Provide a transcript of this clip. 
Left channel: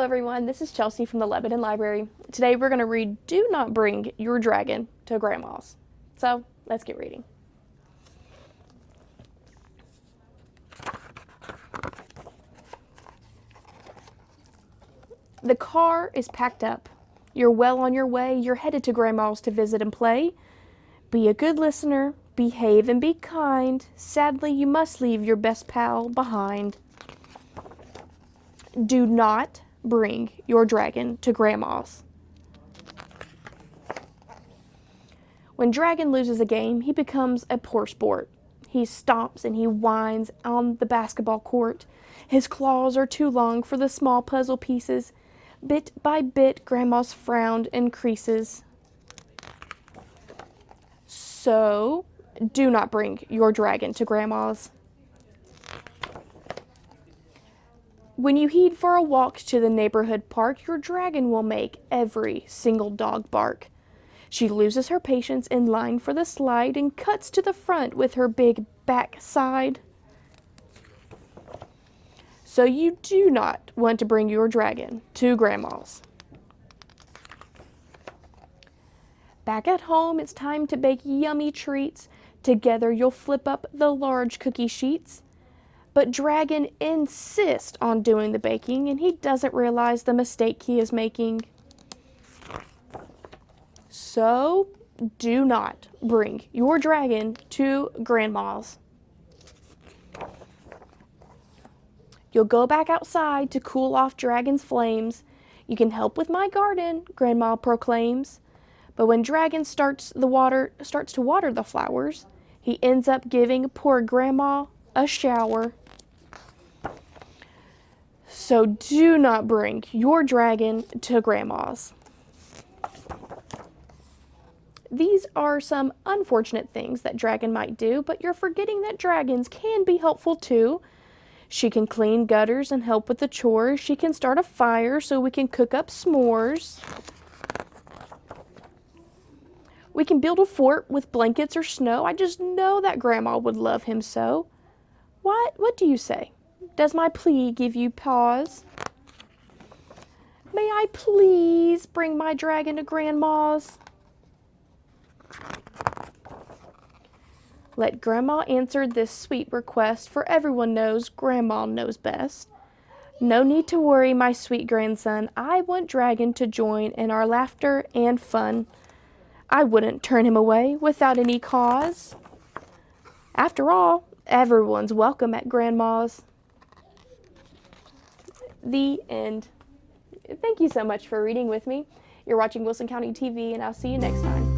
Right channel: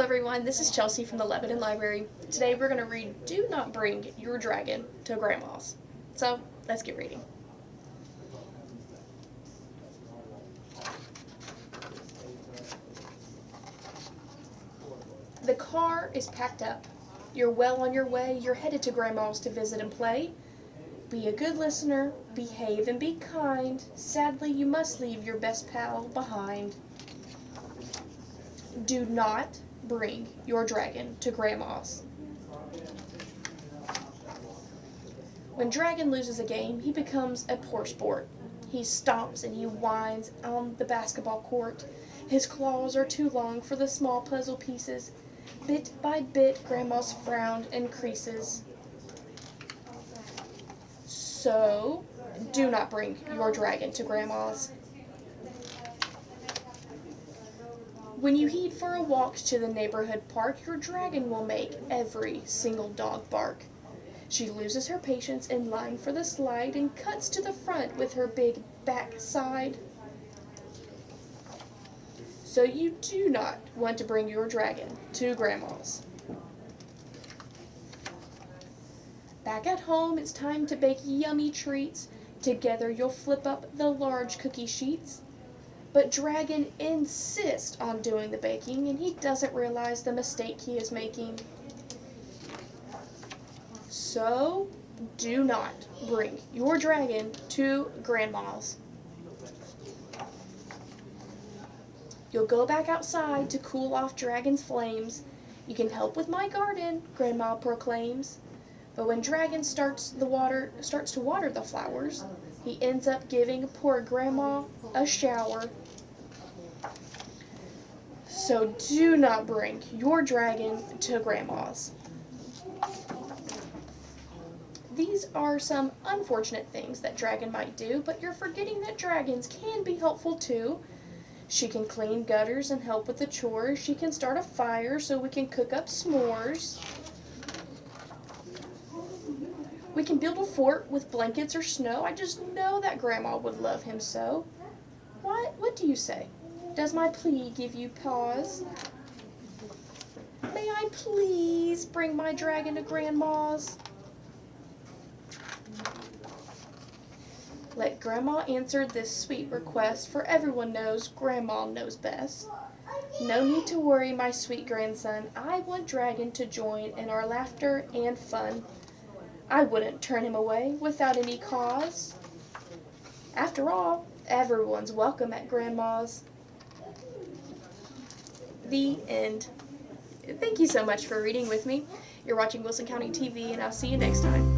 Hello everyone, this is Chelsea from the Lebanon Library. Today we're going to read Do Not Bring Your Dragon to Grandma's. So, let's get reading. The car is packed up. You're well on your way. You're headed to Grandma's to visit and play. Be a good listener, behave and be kind. Sadly, you must leave your best pal behind. Do not bring your dragon to Grandma's. When Dragon loses a game, he becomes a poor sport. He stomps and he whines on the basketball court. His claws are too long for the small puzzle pieces. Bit by bit, Grandma's frown increases. So, do not bring your dragon to Grandma's. When you head for a walk to the neighborhood park, your dragon will make every single dog bark. She loses her patience in line for the slide and cuts to the front with her big backside. So you do not want to bring your dragon to Grandma's. Back at home, it's time to bake yummy treats. Together you'll flip up the large cookie sheets. But Dragon insists on doing the baking, and he doesn't realize the mistake he is making. So, do not bring your dragon to Grandma's. You'll go back outside to cool off Dragon's flames. You can help with my garden, Grandma proclaims. But when Dragon starts to water the flowers, he ends up giving poor Grandma a shower. So do not bring your dragon to Grandma's. These are some unfortunate things that Dragon might do, but you're forgetting that dragons can be helpful too. She can clean gutters and help with the chores. She can start a fire so we can cook up s'mores. We can build a fort with blankets or snow. I just know that Grandma would love him so. What do you say? Does my plea give you pause? May I please bring my dragon to Grandma's? Let Grandma answer this sweet request, for everyone knows Grandma knows best. No need to worry, my sweet grandson. I want Dragon to join in our laughter and fun. I wouldn't turn him away without any cause. After all, everyone's welcome at Grandma's. The end. Thank you so much for reading with me. You're watching Wilson County TV, and I'll see you next time.